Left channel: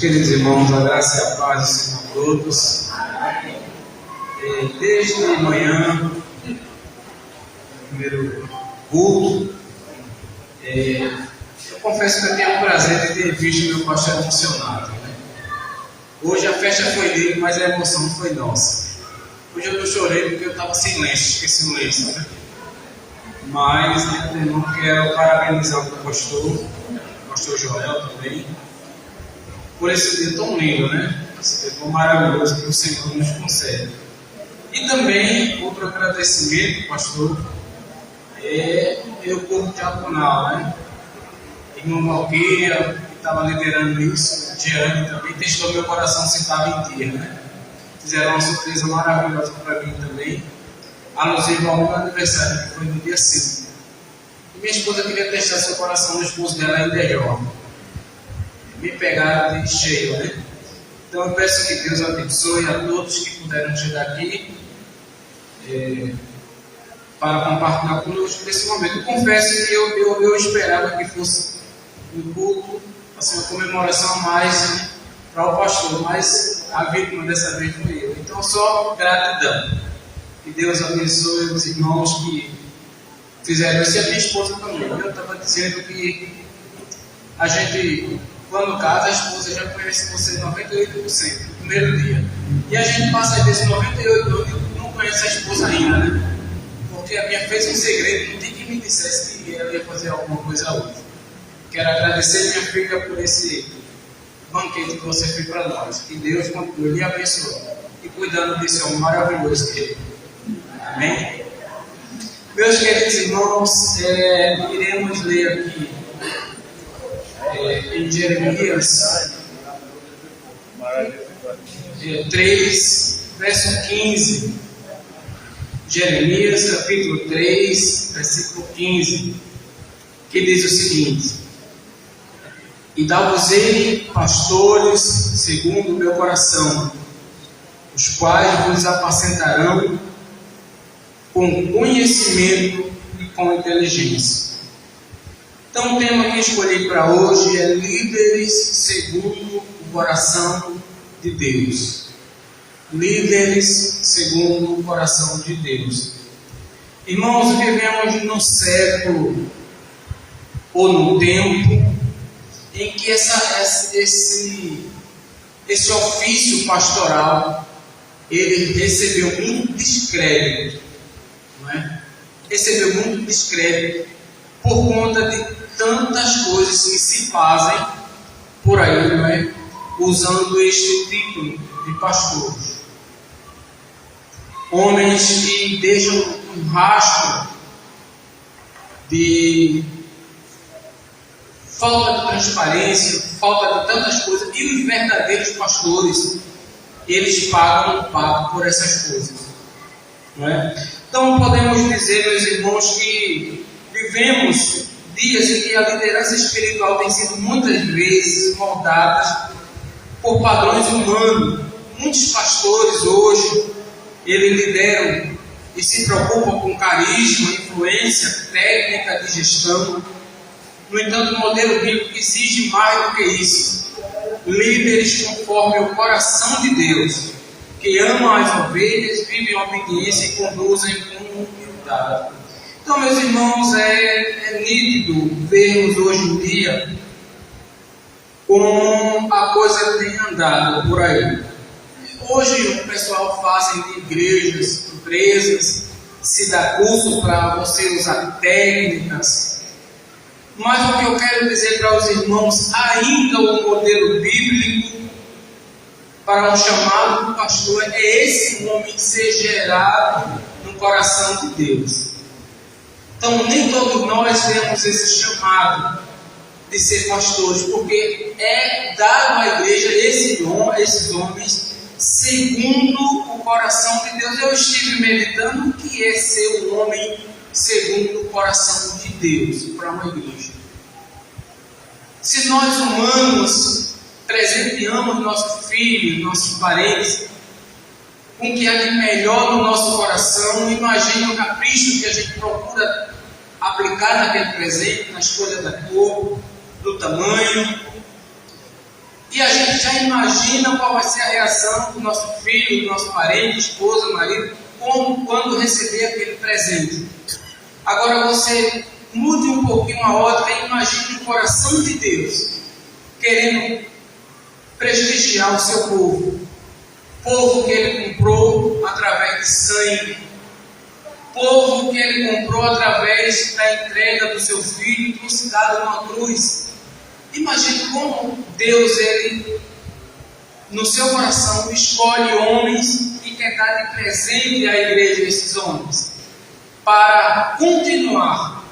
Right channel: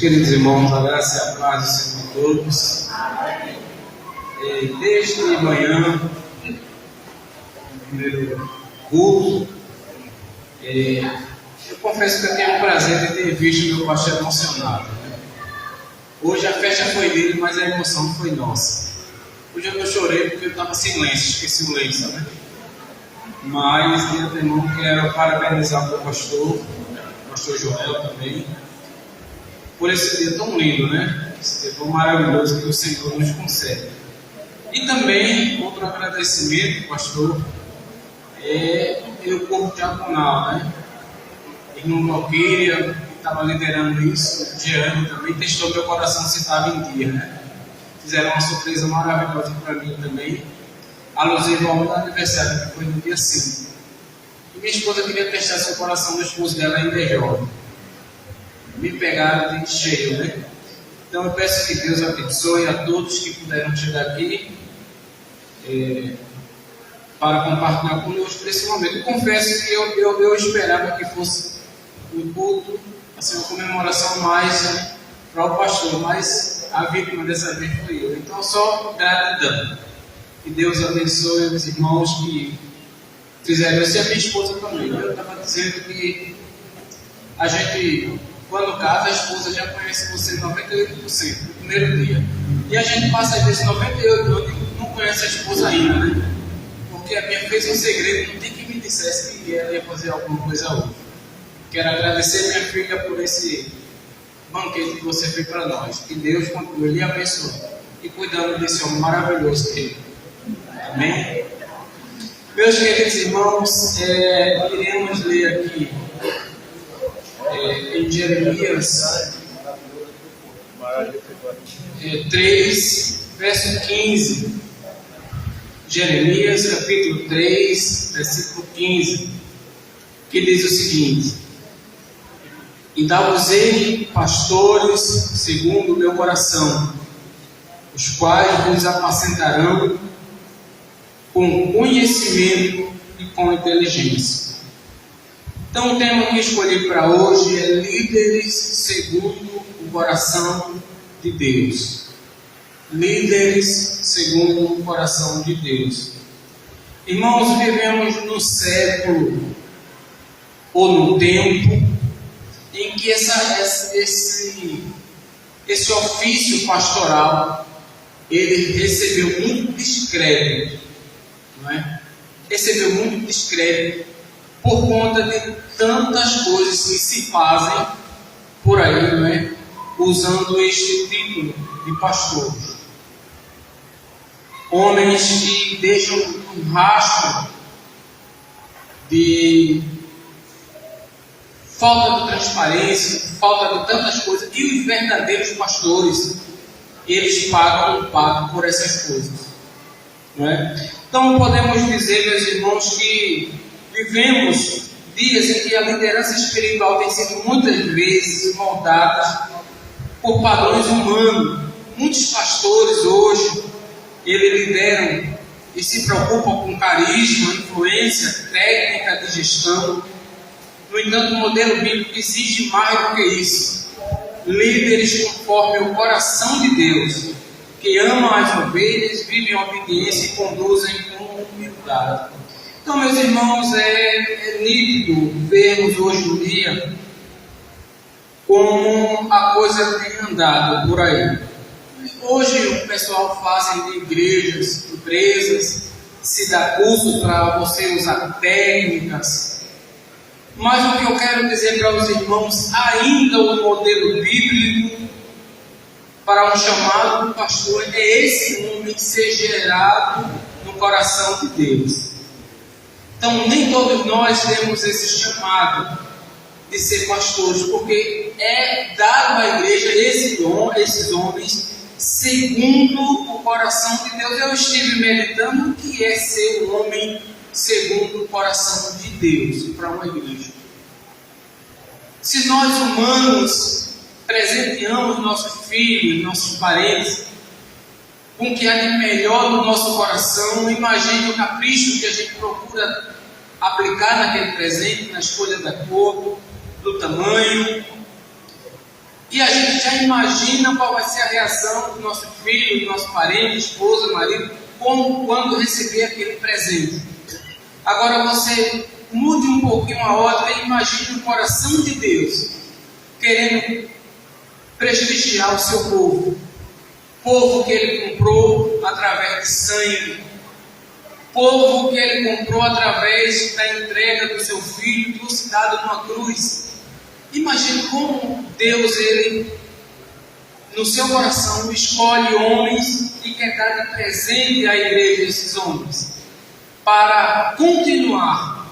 Queridos irmãos, a graça e a paz do Senhor a todos. Desde manhã, no primeiro culto, eu confesso que eu tenho o prazer de ter visto meu pastor emocionado, né? Hoje a festa foi dele, mas a emoção foi nossa. Hoje eu não chorei porque eu estava sem lenço, esqueci o lenço, né? Mas, de antemão, quero parabenizar o pastor Joel também, por esse dia tão lindo, né? Esse dia tão maravilhoso que o Senhor nos concede. E também, outro agradecimento, pastor, é meu corpo diaconal, né? Irmão Malqueira, que estava liderando isso, Diane também testou meu coração se estava em dia, né? Fizeram uma surpresa maravilhosa para mim também, alusivo ao meu aniversário, que foi no dia 5. E minha esposa queria testar seu coração, o esposo dela ainda é jovem. Me pegaram de cheio, né? Então eu peço que Deus abençoe a todos que puderam chegar aqui para compartilhar conosco nesse momento. Eu confesso que eu esperava que fosse um culto, assim, uma comemoração mais para o pastor, mas a vítima dessa vez foi eu. Então só gratidão. Que Deus abençoe os irmãos que fizeram isso e a minha esposa também. Eu estava dizendo que a gente, quando casa, a esposa já conhece você 98% no primeiro dia. E a gente passa às vezes 98 anos e não conhece a esposa ainda, né? Porque a minha fez um segredo, não tem que me dissesse que ela ia fazer alguma coisa hoje. Quero agradecer minha filha por esse banquete que você fez para nós. Que Deus continue lhe abençoando e cuidando desse homem maravilhoso que é. Amém? Meus queridos irmãos, iremos ler aqui em Jeremias 3, verso 15. Jeremias capítulo 3, versículo 15, que diz o seguinte: E dar-vos-ei pastores segundo o meu coração, os quais vos apacentarão com conhecimento e com inteligência. Então o tema que escolhi para hoje é líderes segundo o coração de Deus. Líderes segundo o coração de Deus. Irmãos, vivemos num século ou num tempo em que esse ofício pastoral ele recebeu muito descrédito, não é? Recebeu muito descrédito por conta de tantas coisas que se fazem por aí, não é? Usando este título de pastores. Homens que deixam um rastro de falta de transparência, falta de tantas coisas, e os verdadeiros pastores, eles pagam um pago por essas coisas, não é? Então podemos dizer, meus irmãos, que vivemos dias em que a liderança espiritual tem sido muitas vezes moldada por padrões humanos. Muitos pastores hoje, eles lideram e se preocupam com carisma, influência, técnica de gestão. No entanto, o modelo bíblico exige mais do que isso. Líderes conforme o coração de Deus, que amam as ovelhas, vivem em obediência e conduzem com humildade. Então, meus irmãos, é nítido vermos hoje em dia como a coisa tem andado por aí. Hoje o pessoal faz de igrejas, empresas, se dá curso para você usar técnicas. Mas o que eu quero dizer para os irmãos, ainda o modelo bíblico para um chamado pastor é esse homem ser gerado no coração de Deus. Então nem todos nós temos esse chamado de ser pastores, porque é dado à igreja esses homens segundo o coração de Deus. Eu estive meditando o que é ser um homem segundo o coração de Deus para uma igreja. Se nós humanos presenteamos nossos filhos, nossos parentes, com o que há de melhor no nosso coração, imagine o capricho que a gente procura aplicar naquele presente, na escolha da cor, do tamanho. E a gente já imagina qual vai ser a reação do nosso filho, do nosso parente, esposa, marido, quando receber aquele presente. Agora você mude um pouquinho a ótica e imagine o coração de Deus querendo prestigiar o seu povo. Povo que Ele comprou através de sangue. Povo que Ele comprou através da entrega do seu filho, trucidado numa cruz. Imagine como Deus, Ele, no seu coração, escolhe homens e quer dar de presente à igreja esses homens, para continuar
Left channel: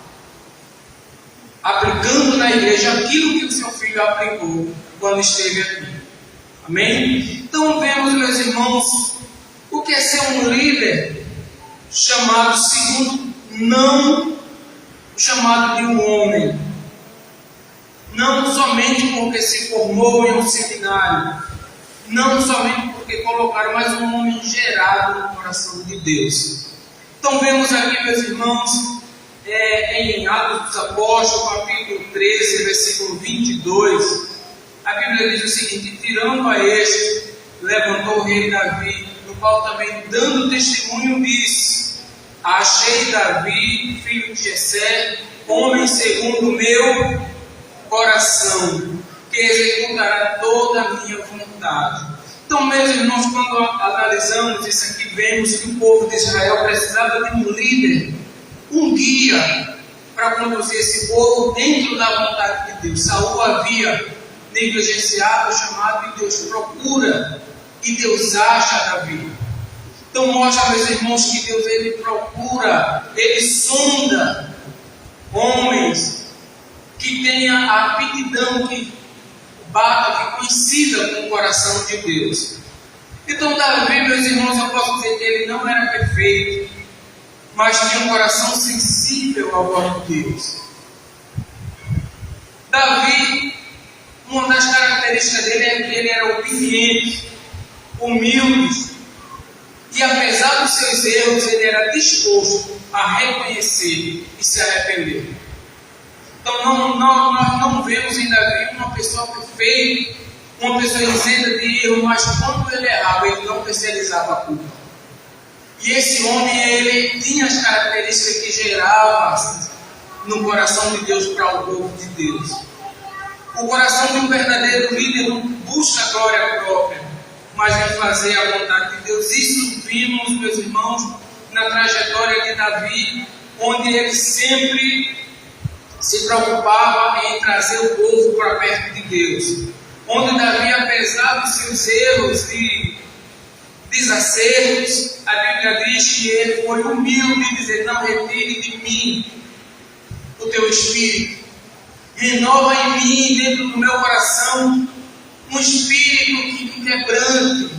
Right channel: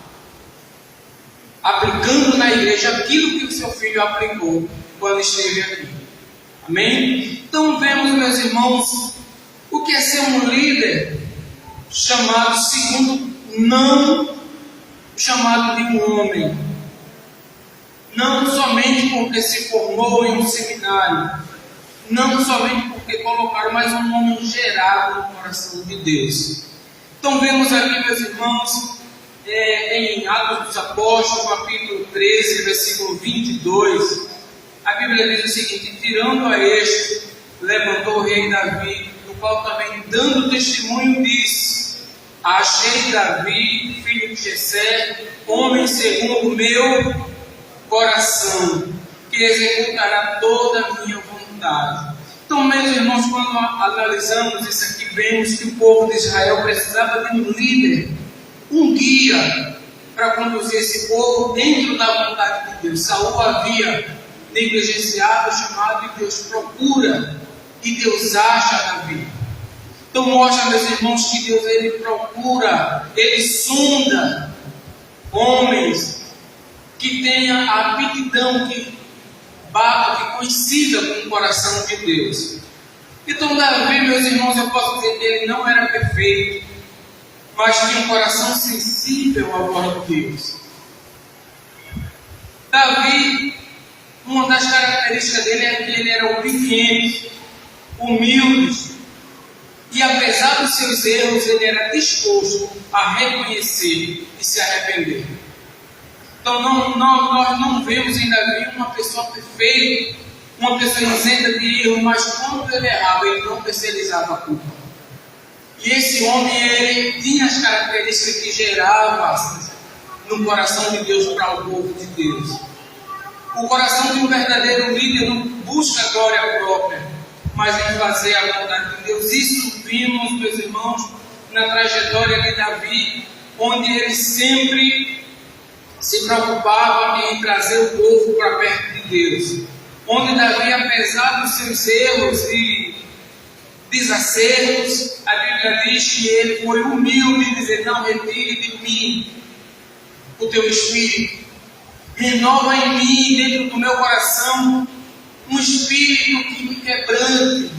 aplicando na igreja aquilo que o seu filho aplicou quando esteve aqui. Amém? Então vemos, meus irmãos, o que é ser um líder chamado segundo, não chamado de um homem. Não somente porque se formou em um seminário, não somente porque colocaram, mas um homem gerado no coração de Deus. Então vemos aqui, meus irmãos, em Atos dos Apóstolos, capítulo 13, versículo 22, a Bíblia diz o seguinte: tirando a este, levantou o rei Davi, no qual também dando testemunho disse: achei Davi, filho de Jessé, homem segundo o meu coração, que executará toda a minha vontade. Então, meus irmãos, quando analisamos isso aqui, vemos que o povo de Israel precisava de um líder, um guia, para conduzir esse povo dentro da vontade de Deus. Saul havia negligenciado o chamado de Deus procura, e Deus acha Davi. Então mostra, meus irmãos, que Deus, Ele procura, Ele sonda homens que tenha a aptidão, que bata, que coincida com o coração de Deus. Então Davi, meus irmãos, eu posso dizer que ele não era perfeito, mas tinha um coração sensível à voz de Deus. Davi, uma das características dele é que ele era obediente, humilde, e apesar dos seus erros, ele era disposto a reconhecer e se arrepender. Então nós não vemos em Davi uma pessoa perfeita, uma pessoa isenta de erro, mas quando ele errava, ele não terceirizava a culpa. E esse homem, ele tinha as características que gerava no coração de Deus para o povo de Deus. O coração de um verdadeiro líder não busca a glória própria, mas em fazer a vontade de Deus. Isso vimos, meus irmãos, na trajetória de Davi, onde ele sempre se preocupava em trazer o povo para perto de Deus. Onde Davi, apesar dos seus erros e desacertos, a Bíblia diz que ele foi humilde e dizer: não retire de mim o teu espírito, renova em mim, dentro do meu coração, um espírito que me quebrante,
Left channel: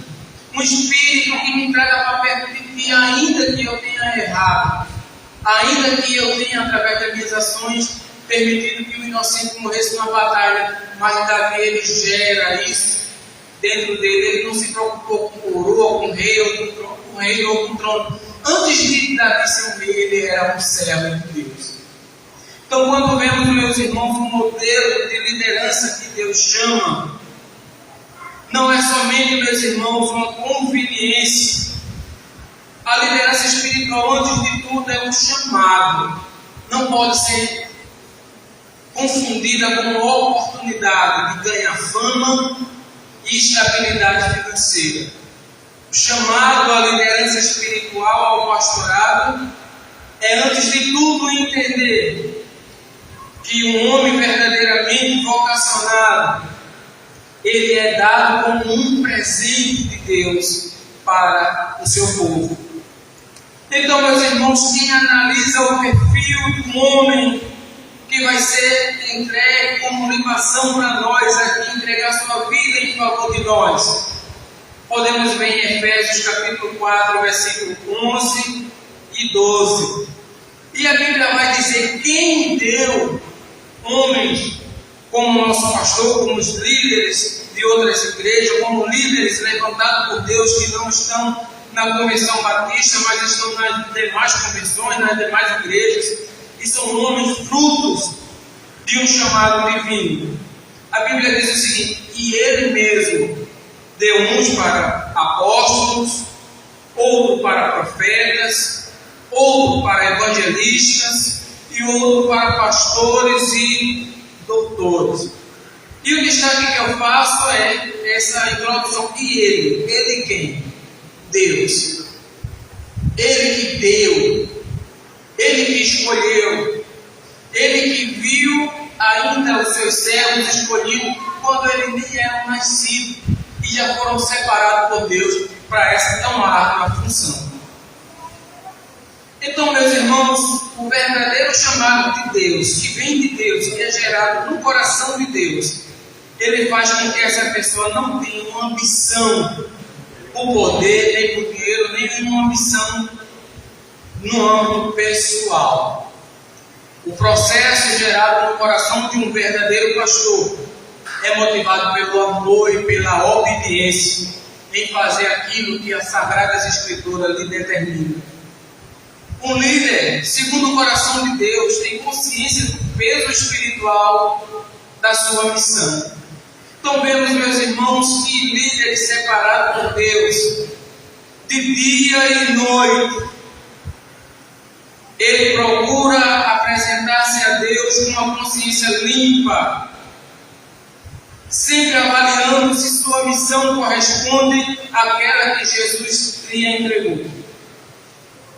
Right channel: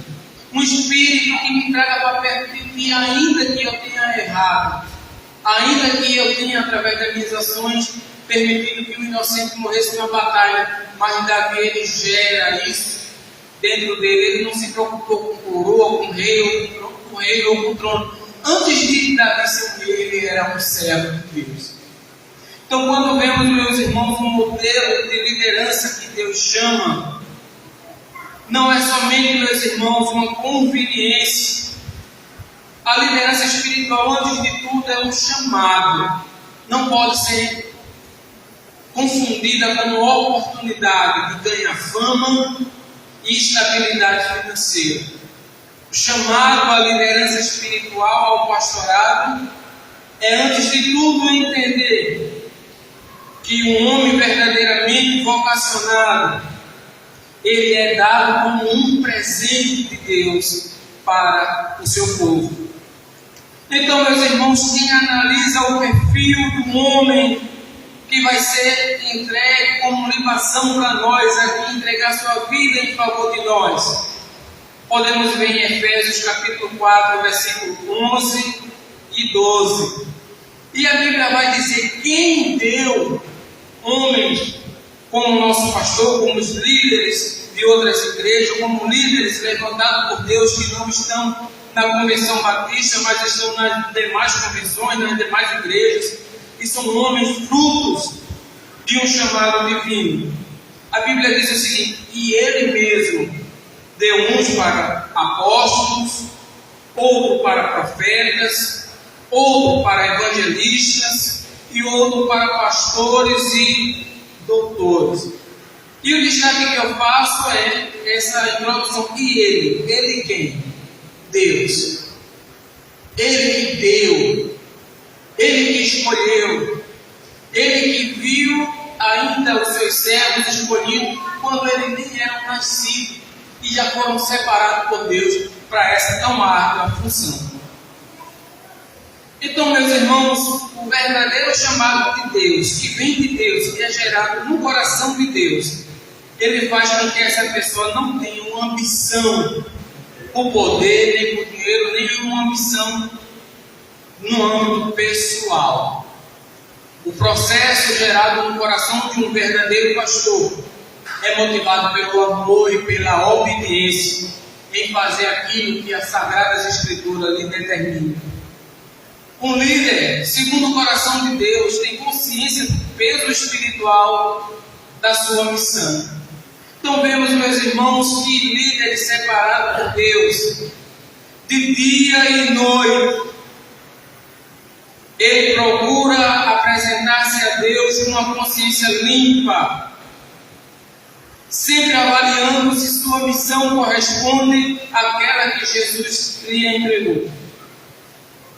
um espírito que me traga para perto de ti, ainda que eu tenha errado, ainda que eu tenha, através das minhas ações, permitido que o inocente morresse numa batalha. Mas Davi, ele gera isso dentro dele. Ele não se preocupou com coroa, com rei ou com trono. Antes de Davi ser um rei, ele era um servo de Deus. Então, quando vemos, meus irmãos, um modelo de liderança que Deus chama, não é somente, meus irmãos, uma conveniência. A liderança espiritual, antes de tudo, é um chamado. Não pode ser confundida com uma oportunidade de ganhar fama e estabilidade financeira. O chamado à liderança espiritual, ao pastorado, é, antes de tudo, entender que um homem verdadeiramente vocacionado, ele é dado como um presente de Deus para o seu povo. Então, meus irmãos, quem analisa o perfil do homem que vai ser entregue como libação para nós, aqui entregar sua vida em favor de nós, podemos ver em Efésios capítulo 4, versículo 11 e 12. E a Bíblia vai dizer: quem deu homens como nosso pastor, como os líderes de outras igrejas, como líderes levantados por Deus, que não estão na Convenção Batista, mas estão nas demais convenções, nas demais igrejas, e são homens frutos de um chamado divino. A Bíblia diz o seguinte: e Ele mesmo deu uns para apóstolos, outro para profetas, outro para evangelistas e outro para pastores e doutores. E o destaque que eu faço é essa introdução. E Ele quem? Deus. Ele que deu, Ele que escolheu, Ele que viu ainda os seus servos escolhidos quando eles nem eram nascidos e já foram separados por Deus para essa tão árdua função. Então, meus irmãos, o verdadeiro chamado de Deus, que vem de Deus e é gerado no coração de Deus, ele faz com que essa pessoa não tenha uma ambição por poder, nem por dinheiro, nem uma ambição no âmbito pessoal. O processo gerado no coração de um verdadeiro pastor é motivado pelo amor e pela obediência em fazer aquilo que as Sagradas Escrituras lhe determinam. Um líder, segundo o coração de Deus, tem consciência do peso espiritual da sua missão. Então vemos, meus irmãos, que líderes separados por Deus, de dia e noite, ele procura apresentar-se a Deus com uma consciência limpa, sempre avaliando se sua missão corresponde àquela que Jesus lhe entregou.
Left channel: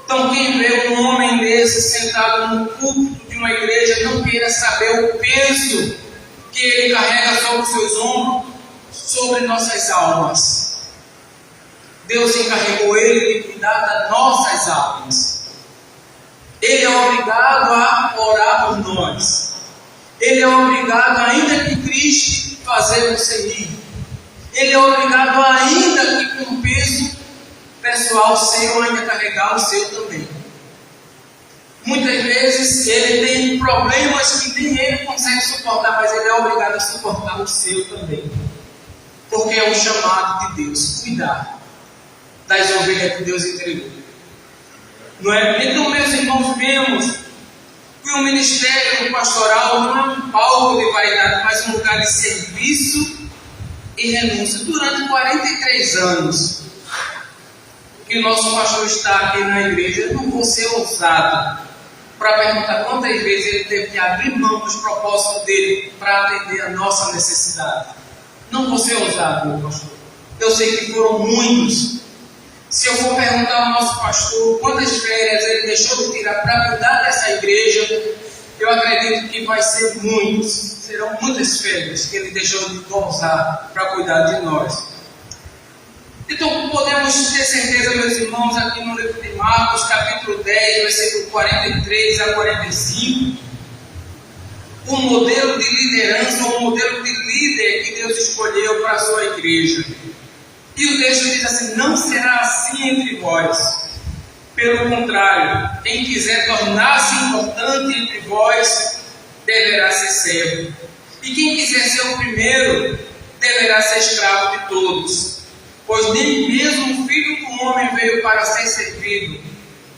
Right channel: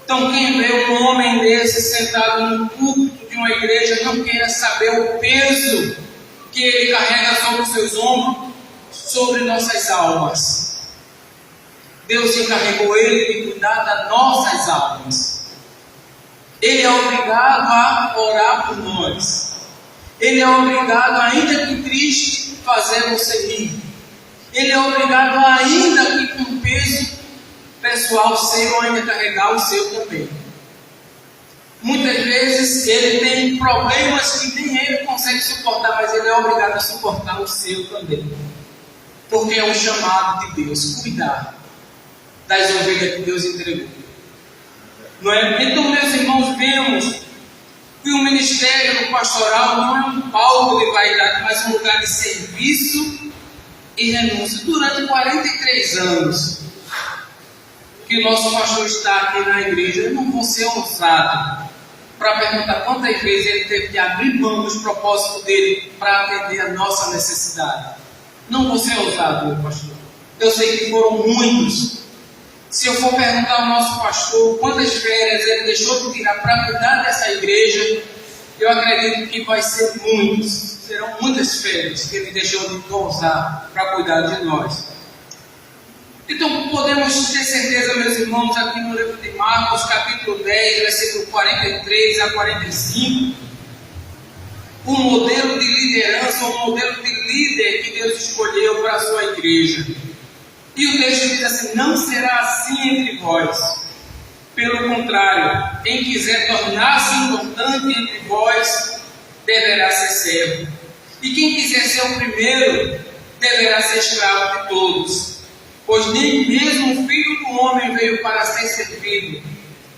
Então, quem vê um homem desse sentado no púlpito de uma igreja não queira saber o peso que ele carrega sobre os seus ombros, sobre nossas almas. Deus encarregou ele de cuidar das nossas almas. Ele é obrigado a orar por nós. Ele é obrigado, ainda que triste, fazer você rir. Ele é obrigado, ainda que com peso pessoal seu, ainda carregar o seu também. Muitas vezes ele tem problemas que nem ele consegue suportar, mas ele é obrigado a suportar o seu também. Porque é o chamado de Deus, cuidar das ovelhas que Deus entregou. Não é? Então, meus irmãos, vemos que o ministério pastoral não é um palco de vaidade, mas um lugar de serviço e renúncia. Durante 43 anos que o nosso pastor está aqui na igreja, eu não vou ser ousado para perguntar quantas vezes ele teve que abrir mão dos propósitos dele para atender a nossa necessidade. Não vou ser ousado, meu pastor. Eu sei que foram muitos. Se eu for perguntar ao nosso pastor quantas férias ele deixou de tirar para cuidar dessa igreja, eu acredito que vai ser muitos. Serão muitas férias que ele deixou de usar para cuidar de nós. Então podemos ter certeza, meus irmãos, aqui no livro de Marcos, capítulo 10, versículo 43 a 45, um modelo de liderança, um modelo de líder que Deus escolheu para a sua igreja. E o texto diz assim: não será assim entre vós. Pelo contrário, quem quiser tornar-se importante entre vós, deverá ser servo. E quem quiser ser o primeiro, deverá ser escravo de todos. Pois nem mesmo o Filho do Homem veio para ser servido,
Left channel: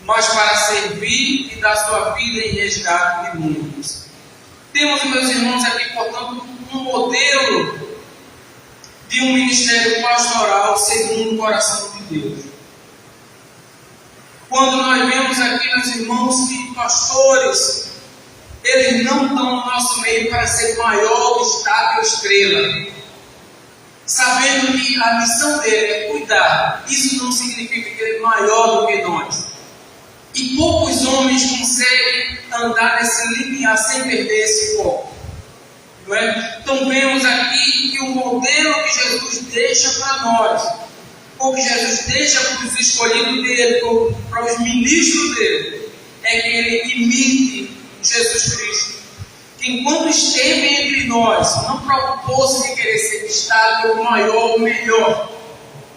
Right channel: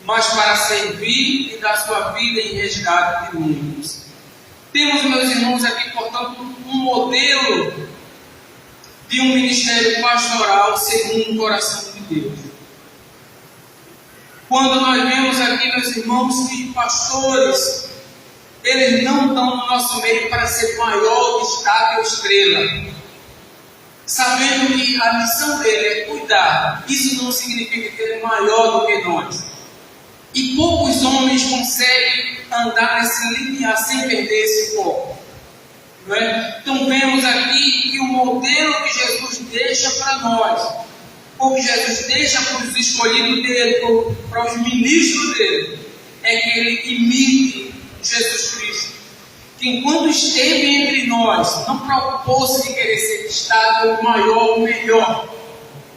mas para servir e dar sua vida em resgate de muitos. Temos, meus irmãos, aqui, portanto, um modelo de um ministério pastoral segundo o coração de Deus. Quando nós vemos aqui, meus irmãos, que pastores, eles não estão no nosso meio para ser maior, destaque ou estrela, sabendo que a missão dele é cuidar. Isso não significa que ele é maior do que nós. E poucos homens conseguem andar nesse limiar sem perder esse foco. Não é? Então vemos aqui que o modelo que Jesus deixa para nós, ou que Jesus deixa para os escolhidos dele, ou para os ministros dele, é que ele imite Jesus Cristo. Que enquanto esteve entre nós, não preocupou-se de querer ser destaque ou maior ou melhor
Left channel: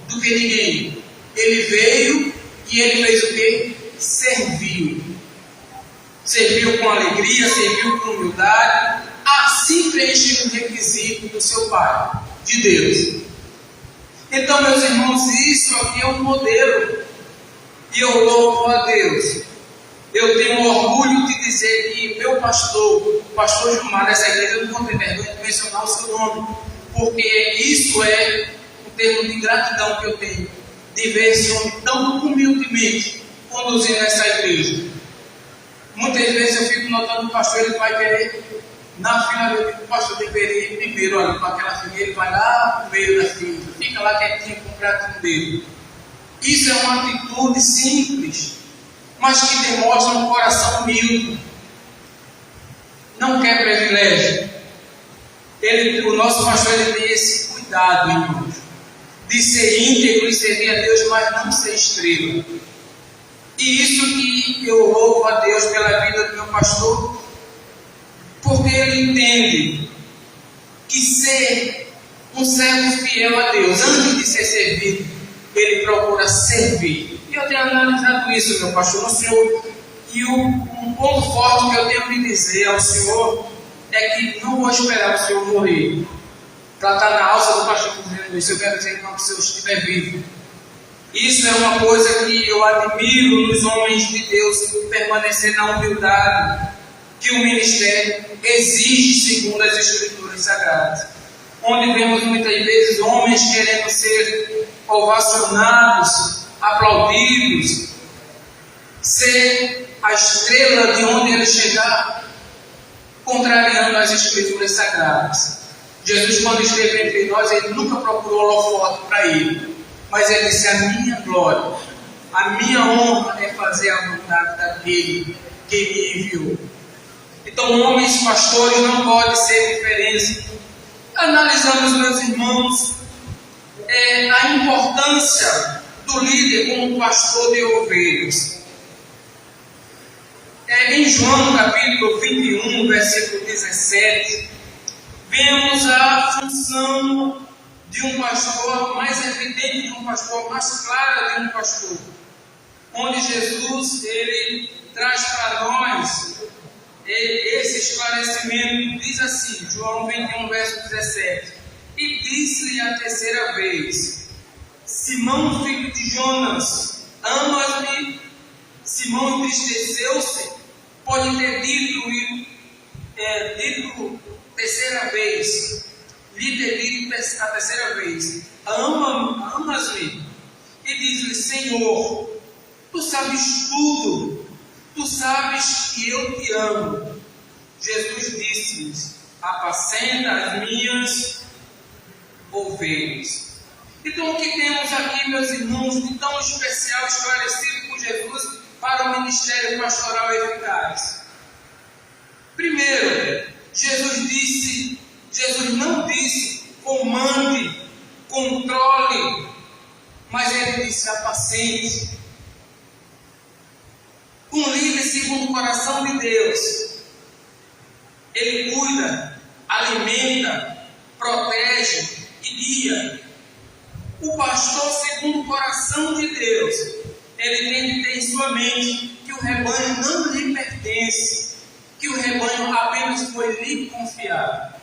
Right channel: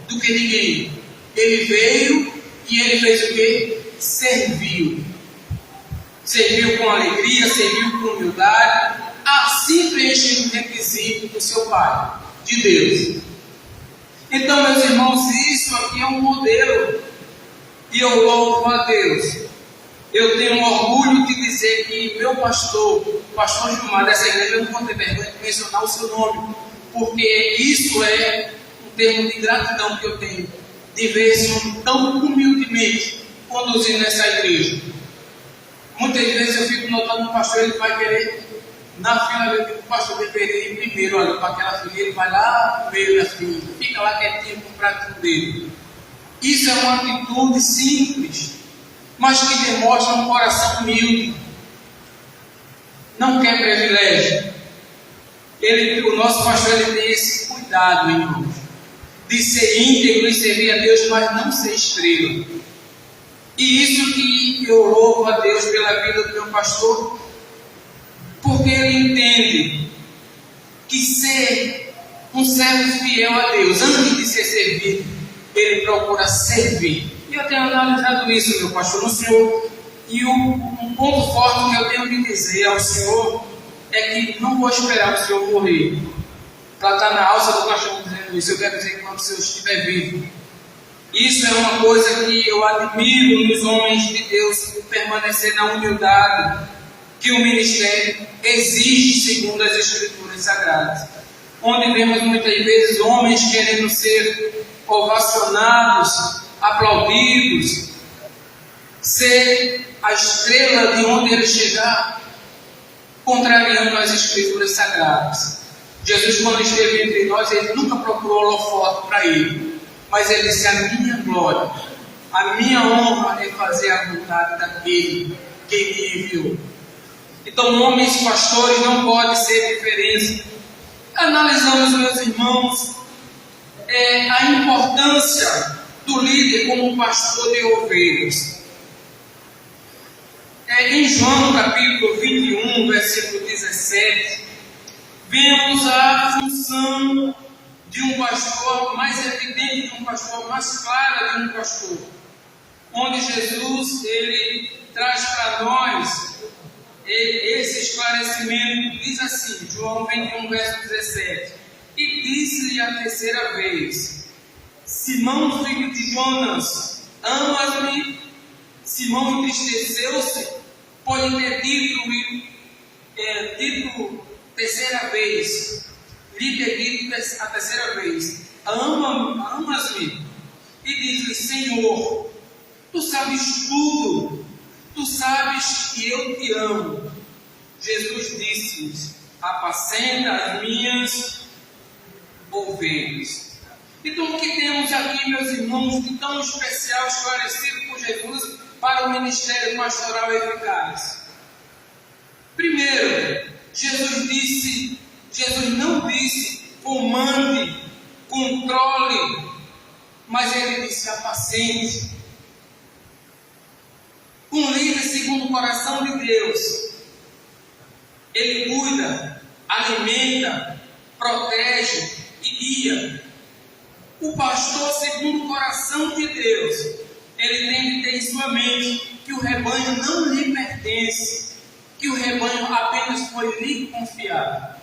do que ninguém. Ele veio e ele fez o quê? Serviu. Serviu com alegria, serviu com humildade. Assim preenche o requisito do seu Pai, de Deus. Então, meus irmãos, isso aqui é um modelo. E eu louvo a Deus. eu tenho orgulho de dizer que meu pastor, o pastor Gilmar dessa igreja, eu não vou ter vergonha de mencionar o seu nome, porque isso é um termo de gratidão que eu tenho, de ver esse homem tão humildemente conduzindo essa igreja. Muitas vezes eu fico notando o pastor, ele vai querer, na fila, o pastor deveria ir primeiro ali para aquela fila, ele vai lá no meio da fila, fica lá quietinho com o pratinho dele. Isso é uma atitude simples, mas que demonstra um coração humilde. Não quer privilégio. O nosso pastor, ele tem esse cuidado, irmãos, de ser íntegro e servir a Deus, mas não ser estrela. E isso que eu louvo a Deus pela vida do meu pastor, porque ele entende que ser um servo fiel a Deus, antes de ser servido, ele procura servir. E eu tenho analisado isso, meu pastor, no Senhor. E um ponto forte que eu tenho de dizer ao Senhor é que não vou esperar o Senhor morrer para estar na alça do pastor dizendo isso. Eu quero dizer que quando o Senhor estiver vivo. Isso é uma coisa que eu admiro nos homens de Deus, permanecer na humildade que o ministério exige segundo as Escrituras Sagradas. Onde vemos muitas vezes homens querendo ser ovacionados, aplaudidos, ser a estrela de onde ele chegar, contrariando as Escrituras Sagradas. Jesus, quando esteve entre nós, ele nunca procurou holofote para ele, mas ele disse: a minha glória, a minha honra é fazer a vontade daquele que me enviou. Então, homens pastores não podem ser diferentes. Analisamos, meus irmãos, a importância do líder como pastor de ovelhas. Em João capítulo 21, versículo 17, vemos a função de um pastor, mais evidente de um pastor, mais clara de um pastor, onde Jesus ele traz para nós esse esclarecimento. Diz assim, João 21, verso 17: e disse-lhe a terceira vez: Simão, filho de Jonas, amas-me? Simão entristeceu-se, pode ter dito terceira vez, lhe ter dito a terceira vez: amas-me? E diz-lhe: Senhor, tu sabes tudo, tu sabes que eu te amo. Jesus disse-lhes: apacenta as minhas ovelhas. Então, o que temos aqui, meus irmãos, de tão especial, esclarecido por Jesus para o ministério pastoral eficaz? Primeiro, Jesus não disse comande, controle, mas ele disse apacente. Um líder segundo o coração de Deus, ele cuida, alimenta, protege e guia. O pastor segundo o coração de Deus, ele tem que ter em sua mente que o rebanho não lhe pertence, que o rebanho apenas foi lhe confiado.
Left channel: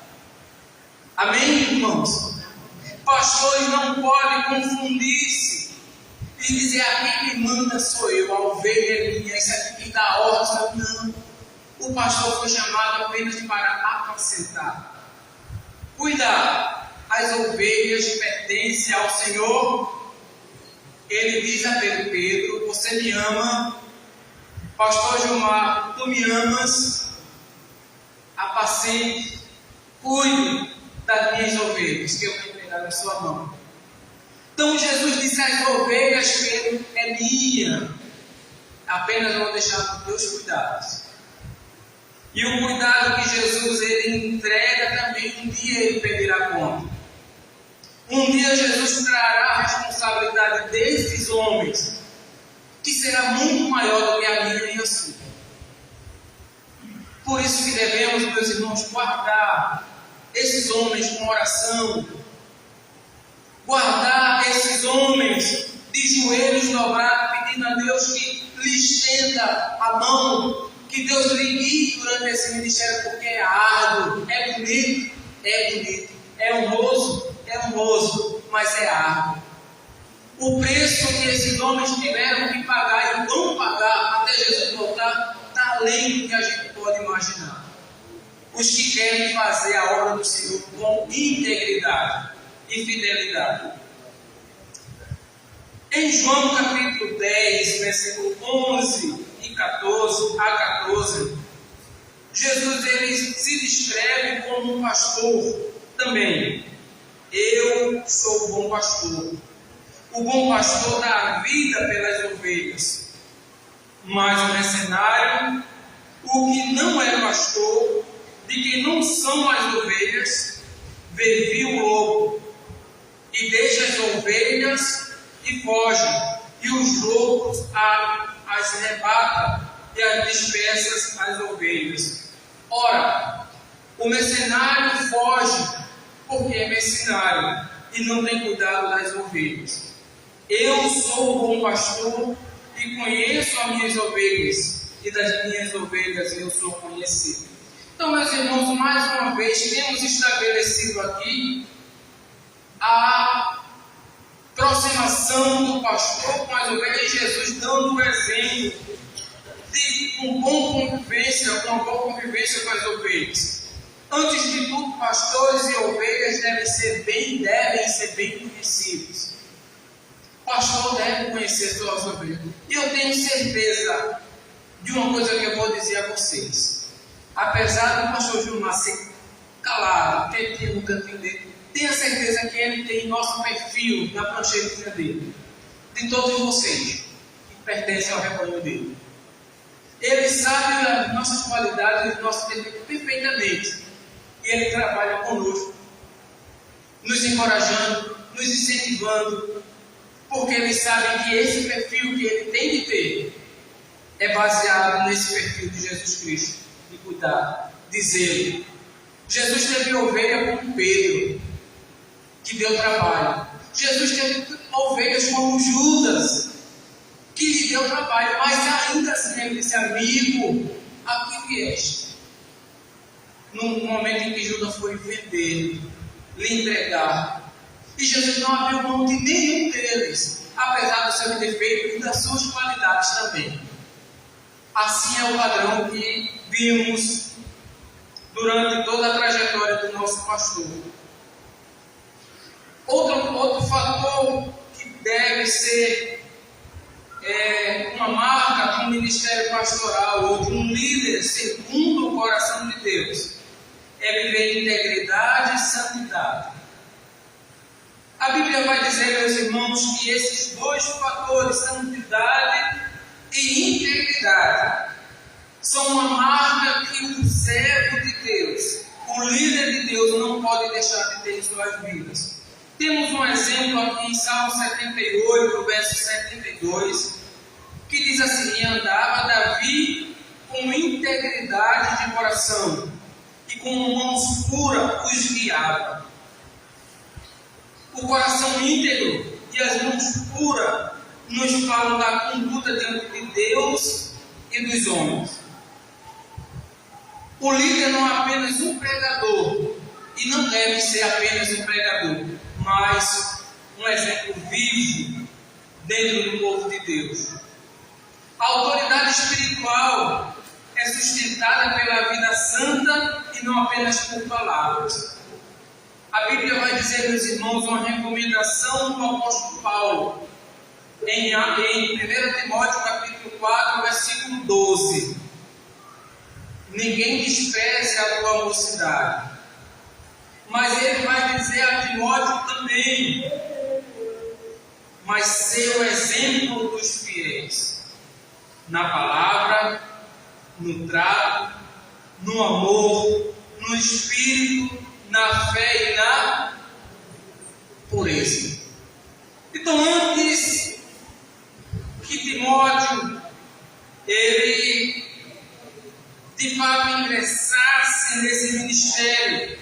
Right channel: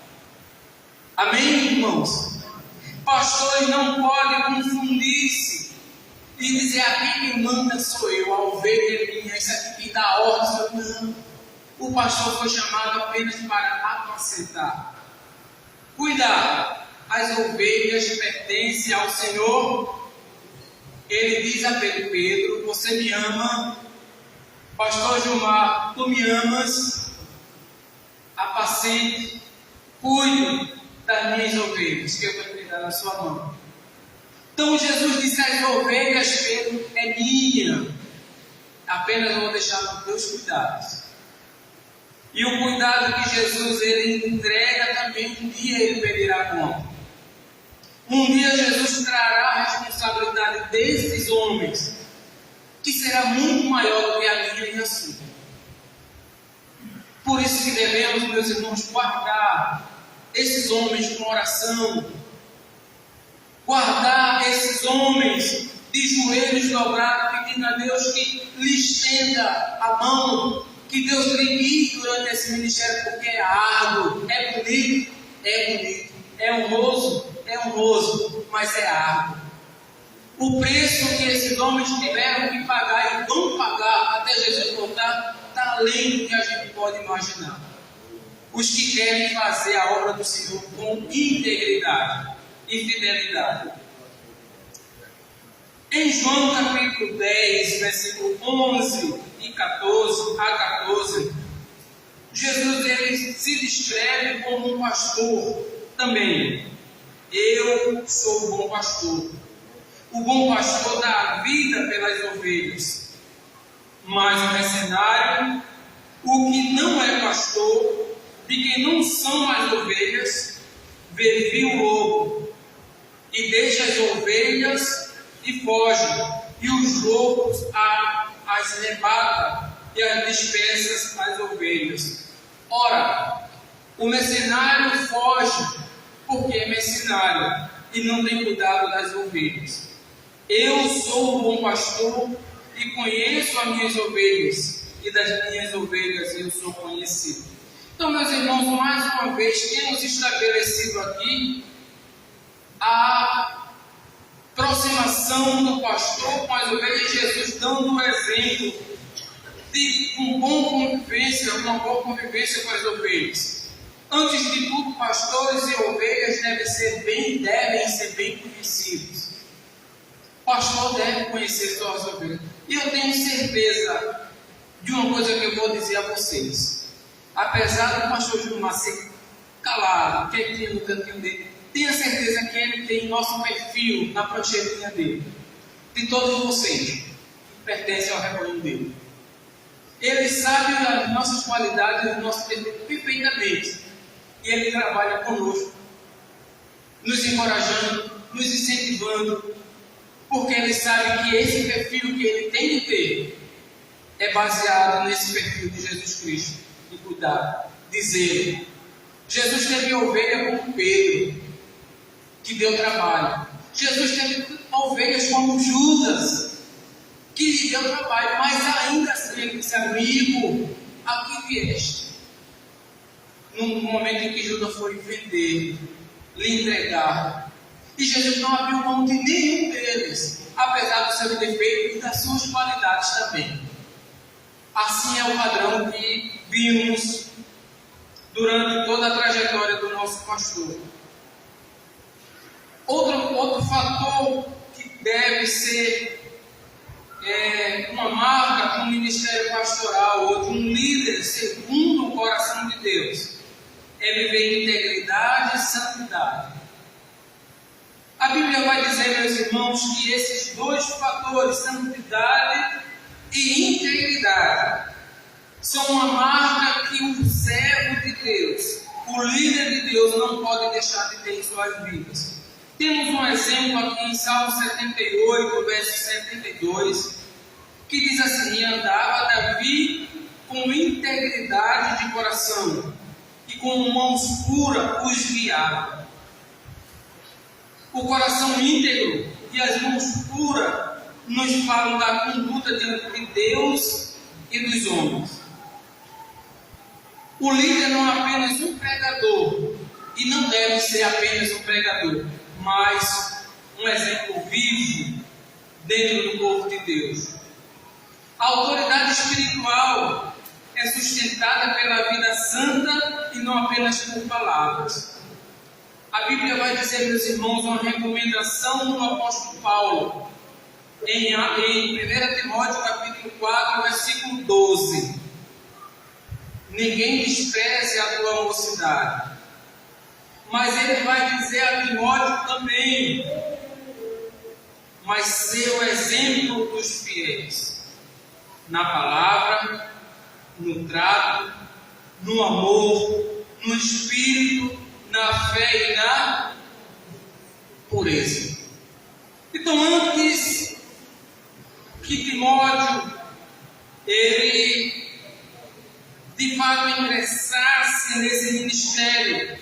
Amém, irmãos? Pastores não podem confundir-se e dizer: aqui quem manda sou eu, a ovelha é minha, isso aqui quem dá ordem sou eu. Não. O pastor foi chamado apenas para apacentar. Cuidado, as ovelhas pertencem ao Senhor. Ele diz a Pedro: você me ama? Pastor Gilmar, tu me amas? Apacente, cuide das minhas ovelhas, que eu vou entregar na sua mão. Então Jesus disse às ovelhas: Pedro, é minha, apenas vou deixar nos teus cuidados. E o cuidado que Jesus ele entrega também, um dia ele pedirá conta. Um dia Jesus trará a responsabilidade desses homens, que será muito maior do que a minha e a sua. Por isso que devemos, meus irmãos, guardar esses homens com oração, guardar esses homens de joelhos dobrados, pedindo a Deus que lhe estenda a mão, que Deus lhe guie durante esse ministério, porque é árduo, é bonito, é honroso, mas é árduo. O preço que esses homens tiveram que pagar e vão pagar até Jesus voltar está além do que a gente pode imaginar. Os que querem fazer a obra do Senhor com integridade e fidelidade. Em João capítulo 10, versículo 11 e 14 a 14, Jesus ele se descreve como um pastor também. Eu sou o bom pastor. O bom pastor dá a vida pelas ovelhas. Mas o mercenário, o que não é pastor, de quem não são as ovelhas, vê o lobo e deixa as ovelhas e foge, e os lobos as rebata e as dispersa as ovelhas. Ora, o mercenário foge porque é mercenário e não tem cuidado das ovelhas. Eu sou o bom pastor e conheço as minhas ovelhas, e das minhas ovelhas eu sou conhecido. Então, meus irmãos, mais uma vez temos estabelecido aqui a aproximação do pastor com as ovelhas, Jesus dando o exemplo de uma boa convivência com as ovelhas. Antes de tudo, pastores e ovelhas devem ser bem conhecidos. O pastor deve conhecer suas ovelhas. E eu tenho certeza de uma coisa que eu vou dizer a vocês. Apesar do pastor Gilmar ser calado, quietinho no cantinho dele, tenha certeza que ele tem nosso perfil na pranchetinha dele. De todos vocês que pertencem ao rebanho dele. Ele sabe as nossas qualidades e os nossos defeitos perfeitamente. E ele trabalha conosco, nos encorajando, nos incentivando, porque ele sabe que esse perfil que ele tem que ter é baseado nesse perfil de Jesus Cristo, de cuidar, de zelo. Jesus teve ovelha como Pedro, que deu trabalho. Jesus teve ovelhas como Judas, que deu trabalho, mas ainda assim ele disse: amigo, a que vieste? No momento em que Judas foi vender, lhe entregar, e Jesus não abriu mão de nenhum deles, apesar do seu defeito e das suas qualidades também. Assim é o padrão que vimos durante toda a trajetória do nosso pastor. Outro fator que deve ser uma marca de um ministério pastoral ou de um líder segundo o coração de Deus é viver em integridade e santidade. A Bíblia vai dizer, meus irmãos, que esses dois fatores, santidade e integridade, são uma marca que o servo de Deus, o líder de Deus, não pode deixar de ter em suas vidas. Temos um exemplo aqui em Salmo 78, verso 72, que diz assim: e andava Davi com integridade de coração, e com mãos puras os guiava. O coração íntegro e as mãos puras nos falam da conduta diante de Deus e dos homens. O líder não é apenas um pregador, e não deve ser apenas um pregador, mas um exemplo vivo dentro do povo de Deus. A autoridade espiritual é sustentada pela vida santa e não apenas por palavras. A Bíblia vai dizer, meus irmãos, uma recomendação do apóstolo Paulo em 1 Timóteo capítulo 4, versículo 12. Ninguém despreze a tua mocidade. Mas ele vai dizer a Timóteo também: mas ser o exemplo dos fiéis, na palavra, no trato, no amor, no espírito, na fé e na pureza. Então, antes que Timóteo ele de fato ingressasse nesse ministério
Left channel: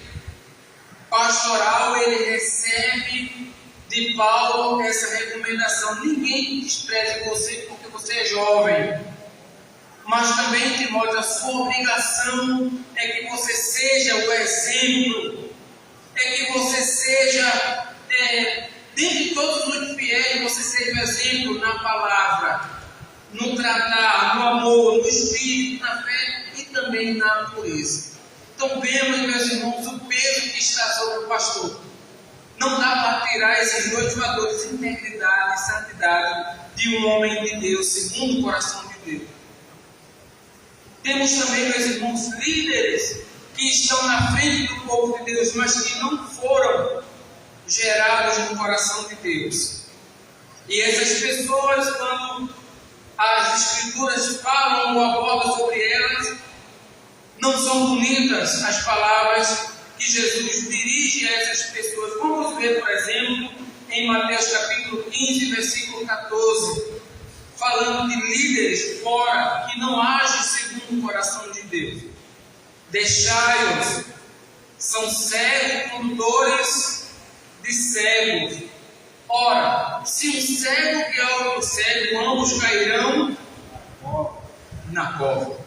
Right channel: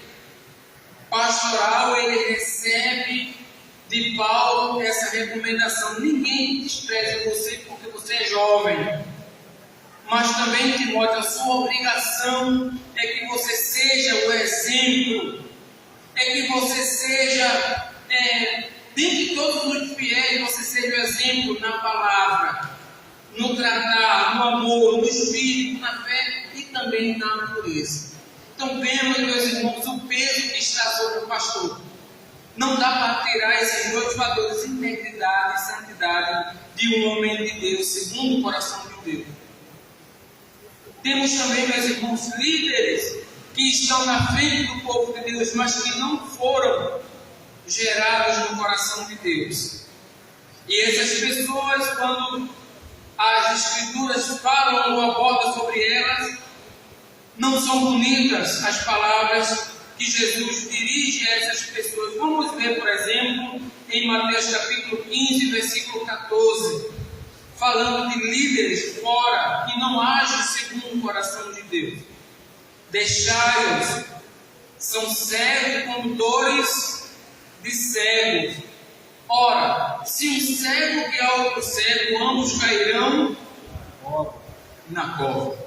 pastoral, ele recebe de Paulo essa recomendação: ninguém despreze você porque você é jovem, mas também, Timóteo, a sua obrigação é que você seja o exemplo, é que você seja dentre todos os fiéis, você seja o exemplo na palavra, no tratar, no amor, no espírito, na fé e também na pureza. Então vemos, meus irmãos, o peso que está sobre o pastor. Não dá para tirar esses dois valores, integridade e santidade, de um homem de Deus, segundo o coração de Deus. Temos também, meus irmãos, líderes que estão na frente do povo de Deus, mas que não foram gerados no coração de Deus. E essas pessoas, quando as Escrituras falam ou abordam sobre elas, não são bonitas as palavras que Jesus dirige a essas pessoas. Vamos ver, por exemplo, em Mateus capítulo 15, versículo 14, falando de líderes fora que não agem segundo o coração de Deus. Deixai-os, são cegos, condutores de cegos. Ora, se um cego guiar outro cego, ambos cairão na cova.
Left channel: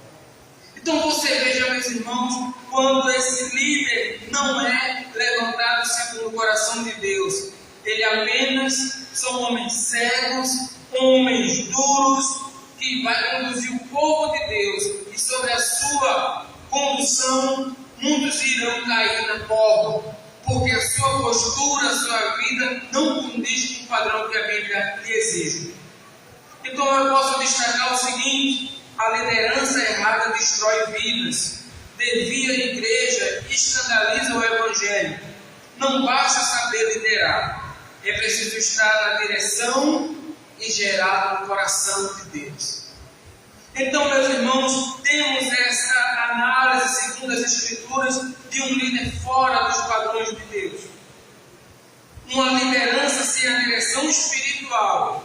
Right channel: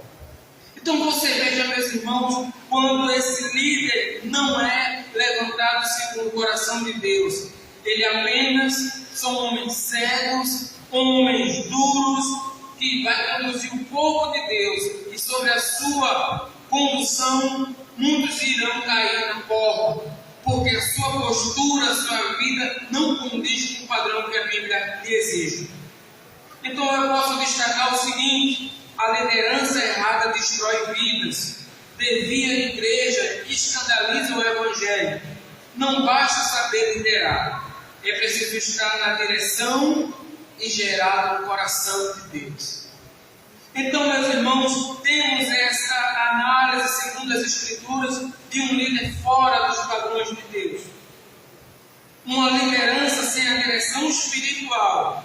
Então você veja, meus irmãos, quando esse líder não é levantado segundo o coração de Deus, ele apenas são homens cegos, homens duros, que vai conduzir o povo de Deus, e sobre a sua condução, muitos irão cair na cova, porque a sua postura, a sua vida não condiz com o padrão que a Bíblia lhe exige. Então eu posso destacar o seguinte: a liderança errada destrói vidas, desvia a igreja, escandaliza o Evangelho. Não basta saber liderar, é preciso estar na direção e gerar no coração de Deus. Então, meus irmãos, temos essa análise segundo as Escrituras de um líder fora dos padrões de Deus. Uma liderança sem a direção espiritual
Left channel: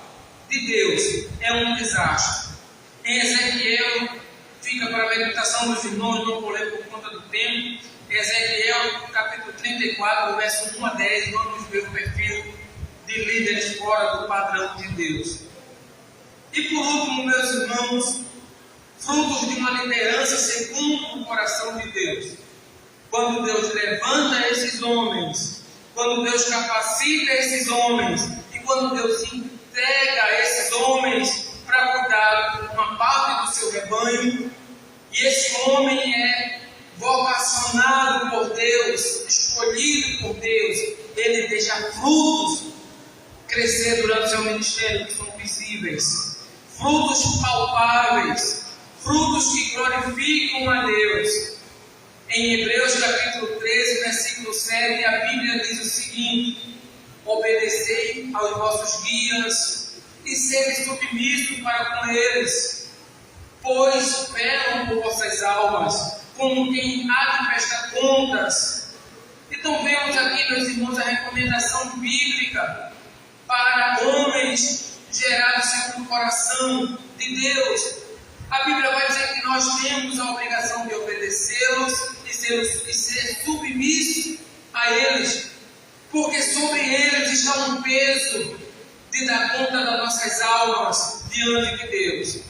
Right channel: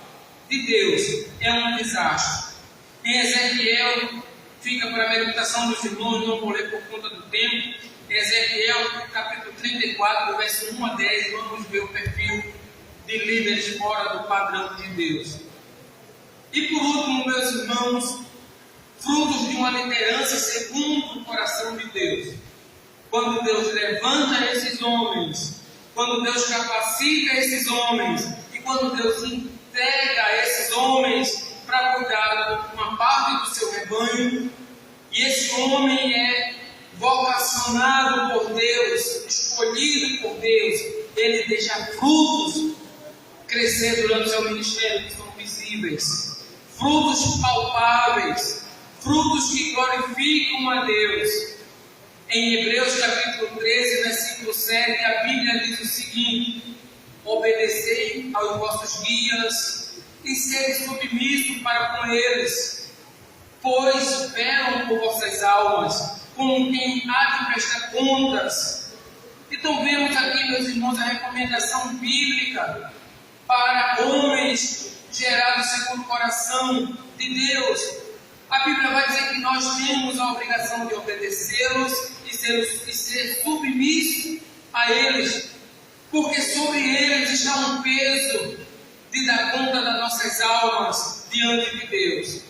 de Deus é um desastre. Em Ezequiel, fica para a meditação dos irmãos, não vou ler por conta do tempo. Em Ezequiel, capítulo 34, verso 1 a 10, vamos ver o perfil de líderes fora do padrão de Deus. E por último, meus irmãos, frutos de uma liderança segundo o coração de Deus. Quando Deus levanta esses homens, quando Deus capacita esses homens, e quando Deus entrega esses homens para cuidar de uma parte do seu rebanho, e esse homem é vocacionado por Deus, escolhido por Deus, ele deixa frutos crescer durante o seu ministério que são visíveis, frutos palpáveis, frutos que glorificam a Deus. Em Hebreus capítulo 13, versículo 7, a Bíblia diz o seguinte: obedecei aos vossos guias e sede submissos para com eles, pois velam por vossas almas, como quem há de prestar contas. Então vemos aqui, meus irmãos, a recomendação bíblica para homens gerados segundo o coração de Deus. A Bíblia vai dizer que nós temos a obrigação de obedecê-los e ser submissos a eles, porque sobre eles está um peso de dar conta das nossas almas diante de Deus.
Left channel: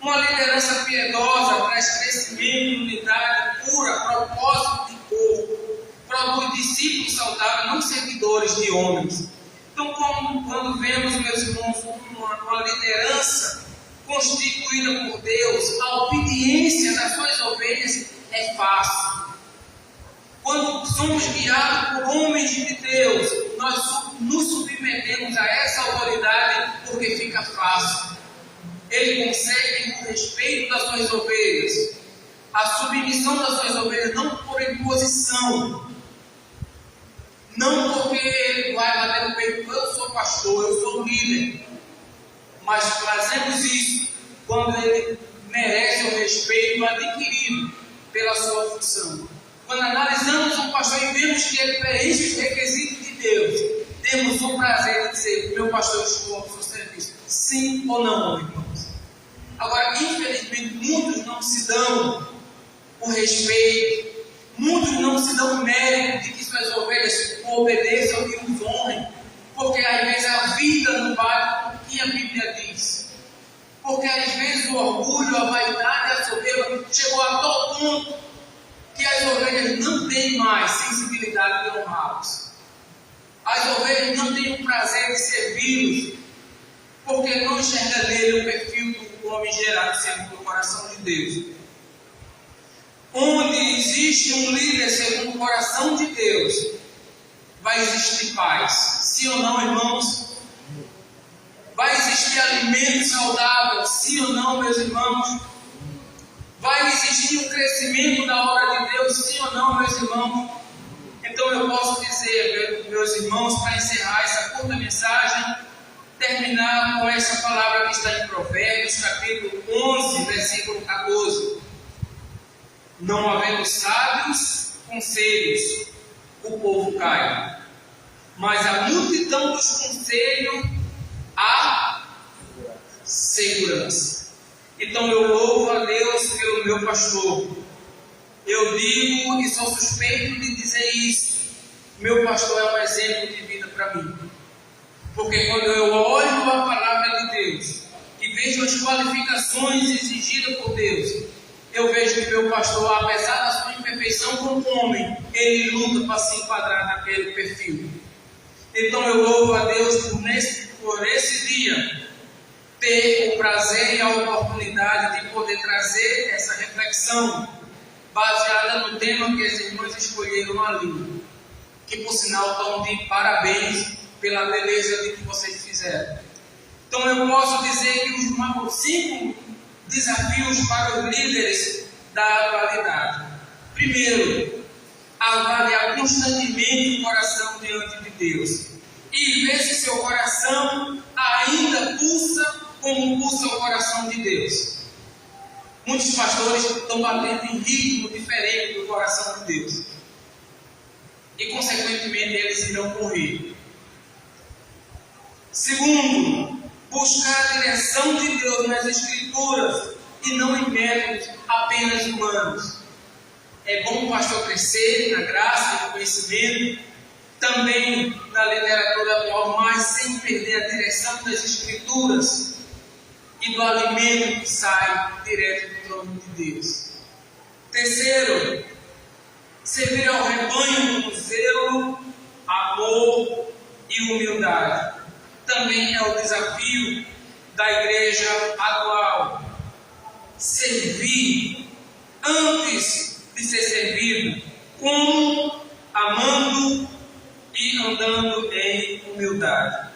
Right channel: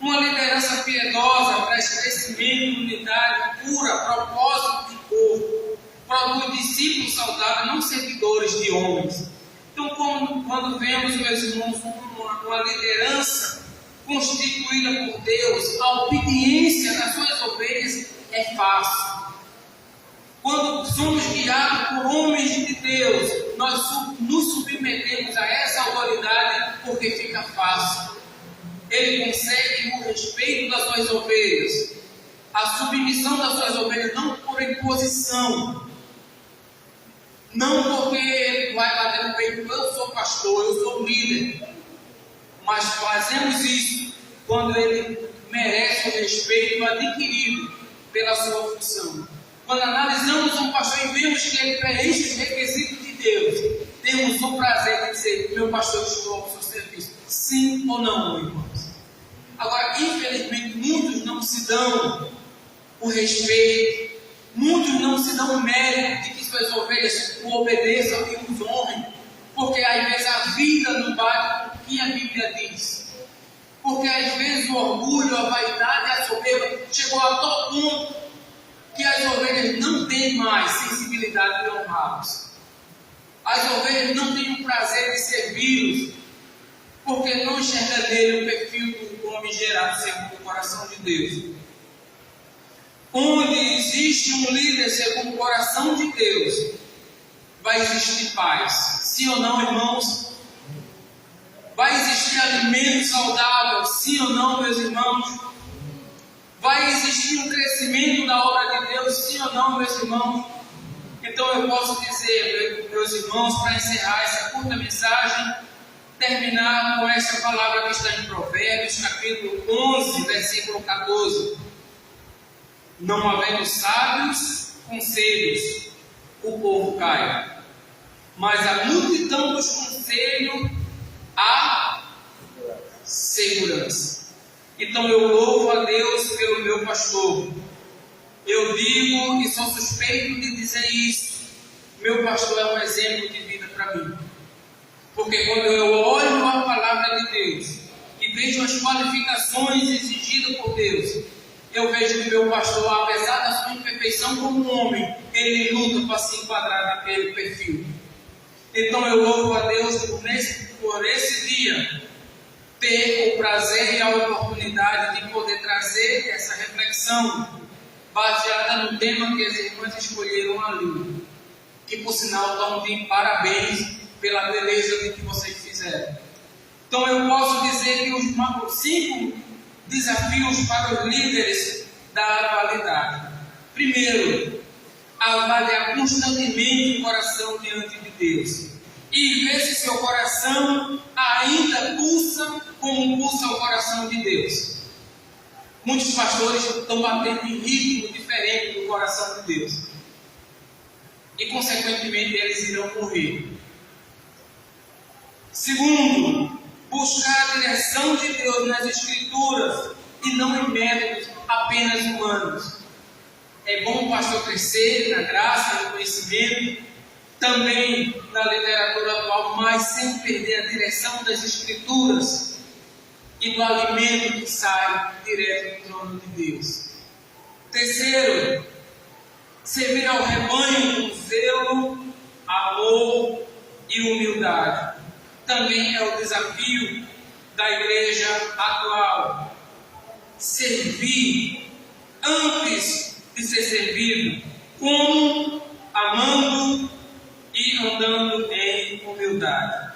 Uma liderança piedosa traz crescimento, unidade, cura, propósito de corpo, produz discípulos saudáveis, não seguidores de homens. Então, quando vemos, meus irmãos, uma liderança constituída por Deus, a obediência das suas ovelhas é fácil. Quando somos guiados por homens de Deus, nós nos submetemos a essa autoridade porque fica fácil. Ele consegue o respeito das suas ovelhas, a submissão das suas ovelhas, não por imposição, não porque ele vai bater no peito, eu sou pastor, eu sou líder, mas fazemos isso quando ele merece o respeito adquirido pela sua função. Quando analisamos um pastor e vemos que ele preenche os requisitos de Deus, temos o prazer de dizer: meu pastor, estou ao seu serviço. Sim ou não, irmãos? Agora, infelizmente, muitos não se dão o respeito, muitos não se dão o mérito de que suas ovelhas o obedeçam e os honrem, porque às vezes a vida não bate o que a Bíblia diz. Porque às vezes o orgulho, a vaidade, a soberba chegou a tal ponto que as ovelhas não têm mais sensibilidade de honrá-los. As ovelhas não têm o prazer de servi-los, porque não enxerga nele o perfil do homem gerado segundo o coração de Deus. Onde existe um líder segundo o coração de Deus, vai existir paz. Sim ou não, irmãos? Vai existir alimento saudável. Sim ou não, meus irmãos? Vai existir um crescimento da obra de Deus. Sim ou não, meus irmãos? Então eu posso dizer, meus irmãos, para encerrar essa curta mensagem, terminar com essa palavra que está em Provérbios, capítulo 11, versículo 14. Não havendo sábios, conselhos, o povo cai. Mas a multidão dos conselhos, há segurança. Então eu louvo a Deus pelo meu pastor. Eu digo e sou suspeito de dizer isso. Meu pastor é um exemplo de vida para mim. Porque quando eu olho a palavra de Deus e vejo as qualificações exigidas por Deus, eu vejo que meu pastor, apesar da sua imperfeição como homem, ele luta para se enquadrar naquele perfil. Então eu louvo a Deus por esse dia ter o prazer e a oportunidade de poder trazer essa reflexão baseada no tema que as irmãs escolheram ali, que por sinal estão de parabéns pela beleza de que vocês fizeram. Então eu posso dizer que os 5 desafios para os líderes da atualidade. Primeiro, avaliar constantemente o coração diante de Deus e ver se seu coração ainda pulsa como pulsa o coração de Deus. Muitos pastores estão batendo em ritmo diferente do coração de Deus e consequentemente eles irão morrer. Segundo, buscar a direção de Deus nas Escrituras e não em métodos apenas humanos. É bom o pastor crescer na graça, no conhecimento, também na literatura atual, mas sem perder a direção das Escrituras e do alimento que sai direto do trono de Deus. Terceiro, servir ao rebanho com zelo, amor e humildade. Também é o desafio da igreja atual. Servir antes de ser servido, como amando e andando em humildade.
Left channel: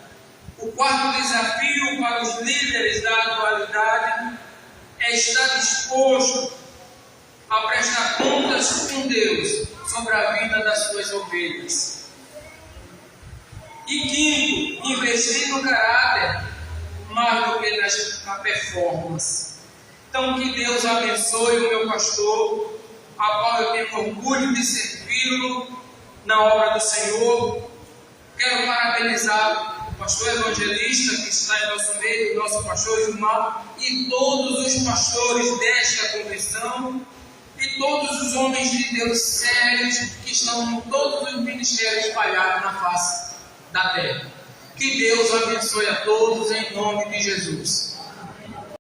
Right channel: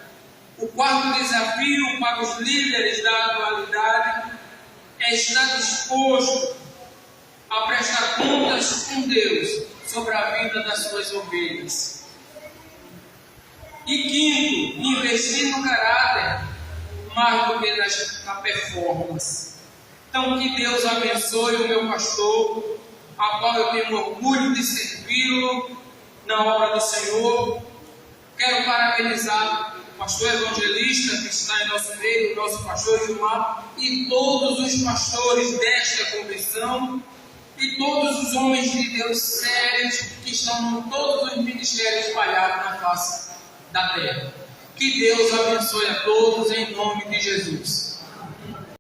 O quarto desafio para os líderes da atualidade é estar disposto a prestar contas com Deus sobre a vida das suas ovelhas. E quinto, investir no caráter mais do que na performance. Então que Deus abençoe o meu pastor, a qual eu tenho orgulho de servi-lo na obra do Senhor. Quero parabenizar o pastor evangelista que está em nosso meio, o nosso pastor Gilmar, e todos os pastores desta convenção, e todos os homens de Deus sérios que estão em todos os ministérios espalhados na face da terra. Que Deus abençoe a todos em nome de Jesus.